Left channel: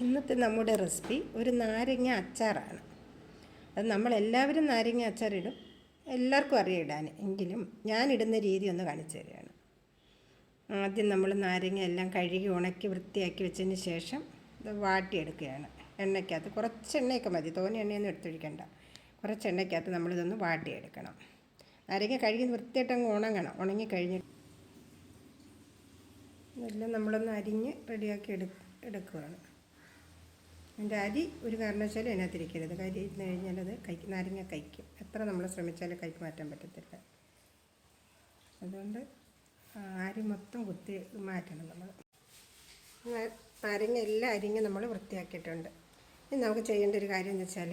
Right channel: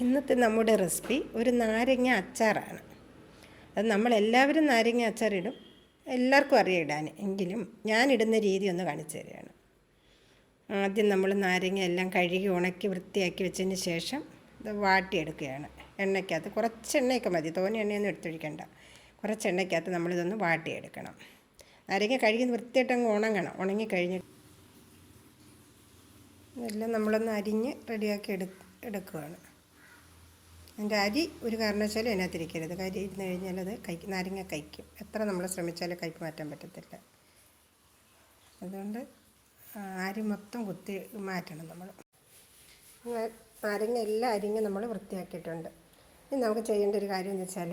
ഇന്നത്തെ നമ്മുടെ റെസിപ്പി ഒരു നാരങ്ങ അച്ചാറാണ്. അത് നമ്മളെല്ലാവരും നാരങ്ങ അച്ചാറിടും, എല്ലാവർക്കും അറിയാം ഇടാൻ. എങ്കിലും ഞാനിടുന്ന രീതി ഒന്ന് കാണിച്ചു തരികയാണ്. ആദ്യം നമ്മൾ നാരങ്ങ എല്ലാം കഴുകി ഉണക്കി വൃത്തിയാക്കി വെച്ചതിന് ശേഷം ഇത് വാട്ടിയെടുക്കുകയാണ്. എണ്ണയ്ക്കകത്ത് കുറച്ച് എണ്ണയൊക്കെ മതി, തോനെ എണ്ണയൊന്നും എടുത്തൊഴിക്കണ്ട. കുറച്ച് എണ്ണയ്ക്കകത്ത് നമ്മളിതൊന്ന് വാട്ടിയെടുക്കണം. നാരങ്ങ കഴുകി വൃത്തിയായിട്ട് അങ്ങ് ഉണങ്ങണം. ഉണങ്ങി കഴിഞ്ഞിട്ട് ഇതെല്ലാം നമ്മളൊന്ന് അരിഞ്ഞ് റെഡിയാക്കി എടുക്കുകയാണ്. അതിൻ്റെ അരി ഒരു കാരണവശാലും അതിനകത്തിരിക്കരുത്. കരി ഇരുന്ന് കഴിഞ്ഞാൽ അത് നാരങ്ങ കഴിക്കും. എത്ര നമ്മൾ ശ്രമിച്ചാലും കയ്പ്പ് മാറ്റാൻ പറ്റത്തില്ല. അതുകൊണ്ട് അരി മൊത്തം കുത്തി മാറ്റണം നമ്മൾ. നാരങ്ങ എല്ലാം അരിഞ്ഞ് നമ്മൾ വൃത്തിയാക്കിയിട്ടുണ്ട്. ഇനി നമുക്ക് ചെയ്യേണ്ട ഒരു കാര്യം എന്ന് വെച്ചാൽ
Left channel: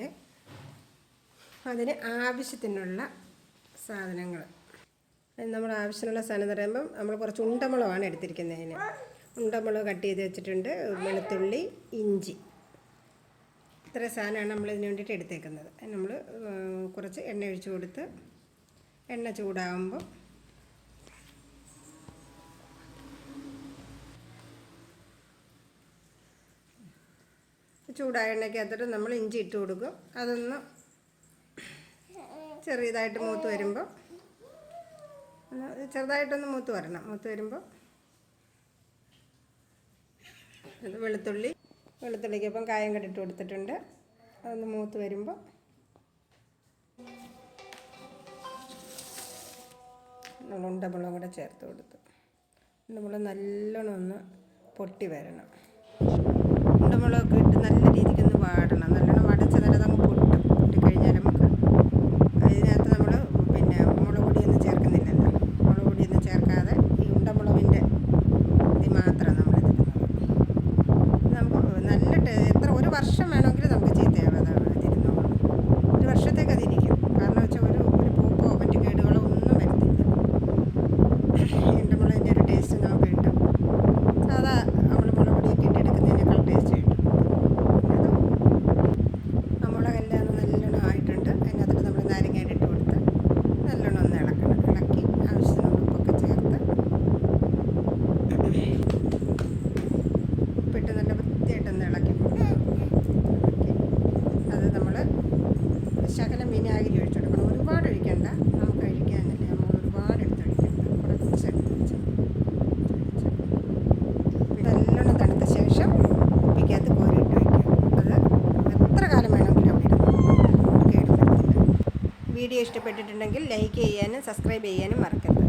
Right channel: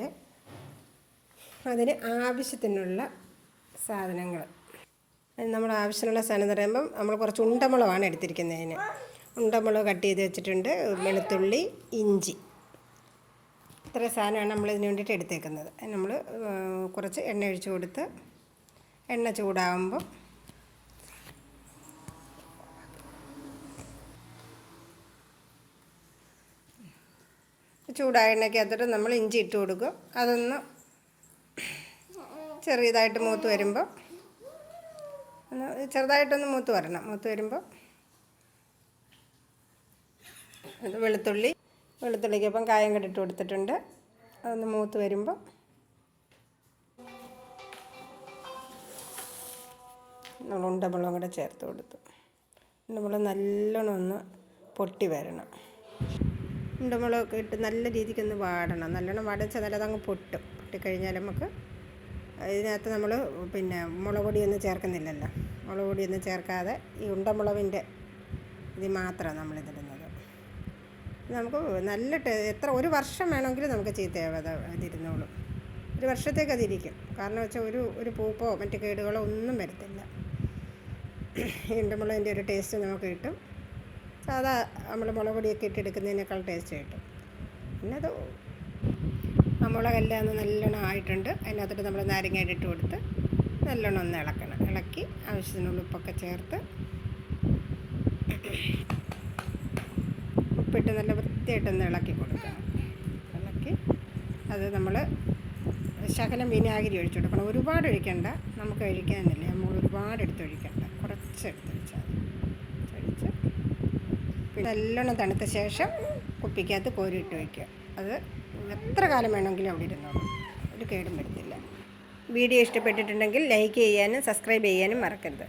അതിന് ആവശ്യത്തിനുള്ള സാധനങ്ങൾ. നമ്മൾ ആവശ്യമുള്ള സാധനം എന്ന് പറയുമ്പം നമ്മൾ കുറച്ച് ഉണ്ടമുളകാണ് എടുത്തിരിക്കുന്നതിന്. ഉണ്ടമുളക് കട്ട് ചെയ്ത് വെച്ചിട്ടുണ്ട്, വെളുത്തുള്ളി, ഇഞ്ചി, ഇത്ര സാധനമാണ് നമ്മൾ ഇതിന് വേണ്ടിയിട്ട് എടുത്തേക്കുന്നത്. നമ്മൾ കുറച്ച് എണ്ണ ഒഴിച്ച് കൊടുത്ത് എണ്ണ ചൂടാകുമ്പോൾ ചൂടായ എണ്ണയ്ക്കകത്തോട്ട് നമ്മൾ ഇഞ്ചി ഇട്ട് കൊടുക്കും. അതൊന്ന് ചെറിയതായിട്ട് മൂത്ത് വരുമ്പോൾ ചെറുതായിട്ടൊന്ന് മൂത്ത് വരണം. മൂത്ത് വരുമ്പോൾ അത് വെളുത്തുള്ളിക്കൊപ്പം കായം കണ്ടിട്ട് കൊടുത്തിട്ടുണ്ട്. അതൊന്ന് മൂത്ത് വരുമ്പോൾ നമ്മൾ ഉണ്ടമുളകും കൂടെ ചേർത്ത് കൊടുത്തു. ഉണ്ടമുളക് നല്ലോണം ഒന്ന് പൊട്ടി വരണം. ഉണ്ടമുളകൊക്കെ ഇട്ട് നല്ല രീതിക്കൊന്ന് വാടണം. നല്ലോണം വടച്ചതല്ല, അതങ്ങ് പൊട്ടിക്കഴിഞ്ഞാൽ നമുക്ക് ഇതിനകത്ത് നമ്മൾ മുളക് പൊടിയൊന്നും ചേർക്കുന്നില്ലല്ലോ. മുളക് പൊടിയൊന്നും ചേർക്കാതെ ഈ ഉണ്ടമുളകിൻ്റെ ഇത് മാത്രമാണ് നമ്മളിതിടുന്നത്. നമുക്ക് നല്ല ഒരു വർഷം വേണമെങ്കിലും നമുക്ക് ഇതിരുന്നോളും. ഒരു വർഷത്തേക്ക് അതിരിക്കും. കാരണം വെച്ചാൽ ഒരു പൂപ്പോ മറ്റ് കേടുകളോ ഒന്നും വരത്തില്ല. ഈ ഉണ്ടമുളകിൻ്റെ ഒരു ടേസ്റ്റ് നമുക്ക് കിട്ടും. സാധാ നമ്മൾ മുളക് പൊടിയൊക്കെ ഇട്ടെടുക്കുന്നതിനേക്കാൾ ടേസ്റ്റ് കിട്ടും. പിന്നെ അത് ആ മുളകെല്ലാം ഒന്ന് നല്ലോണം ആയിട്ടുണ്ട്. അതിനകത്തോട്ട് നമ്മൾ നാരങ്ങ ഇട്ട് കൊടുത്ത് നല്ലോണം ഒന്ന് ഇളക്കണം. ഇളക്കി ആവശ്യത്തിനുള്ള ഉപ്പൊക്കെ ചേർത്ത് ഉപ്പിട്ട് നല്ല വൃത്തിയായിട്ടൊന്ന് ഇളക്കി കൊടുക്കണം. ഇളക്കി അത് നമ്മൾ ശകലം വിനാഗിരി ഒഴിച്ചു കൊടുക്കണം. ഒരുപാട് ഒഴിക്കണ്ട, നമുക്ക് കഴിക്കാനില്ല. നമ്മൾ ഒരുപാട് എടുത്തൊഴിക്കണ്ട, കുറച്ചെടുത്ത് വെച്ചാൽ ഒഴിച്ച് പിന്നെ നല്ലോണം തണുത്ത ശേഷം കുപ്പിക്കകത്ത് കോരിയിട്ട് വയ്ക്കുക. അത് എത്ര കാലം വേണമെങ്കിലും അവിടെ ഇരുന്നു കേടുവരത്തില്ല. വീഡിയോ ഇഷ്ടപ്പെട്ടിട്ടുണ്ടെങ്കിൽ ലൈക്ക് ചെയ്യാനും സബ്സ്ക്രൈബ് ചെയ്യാനും മറക്കരുത്.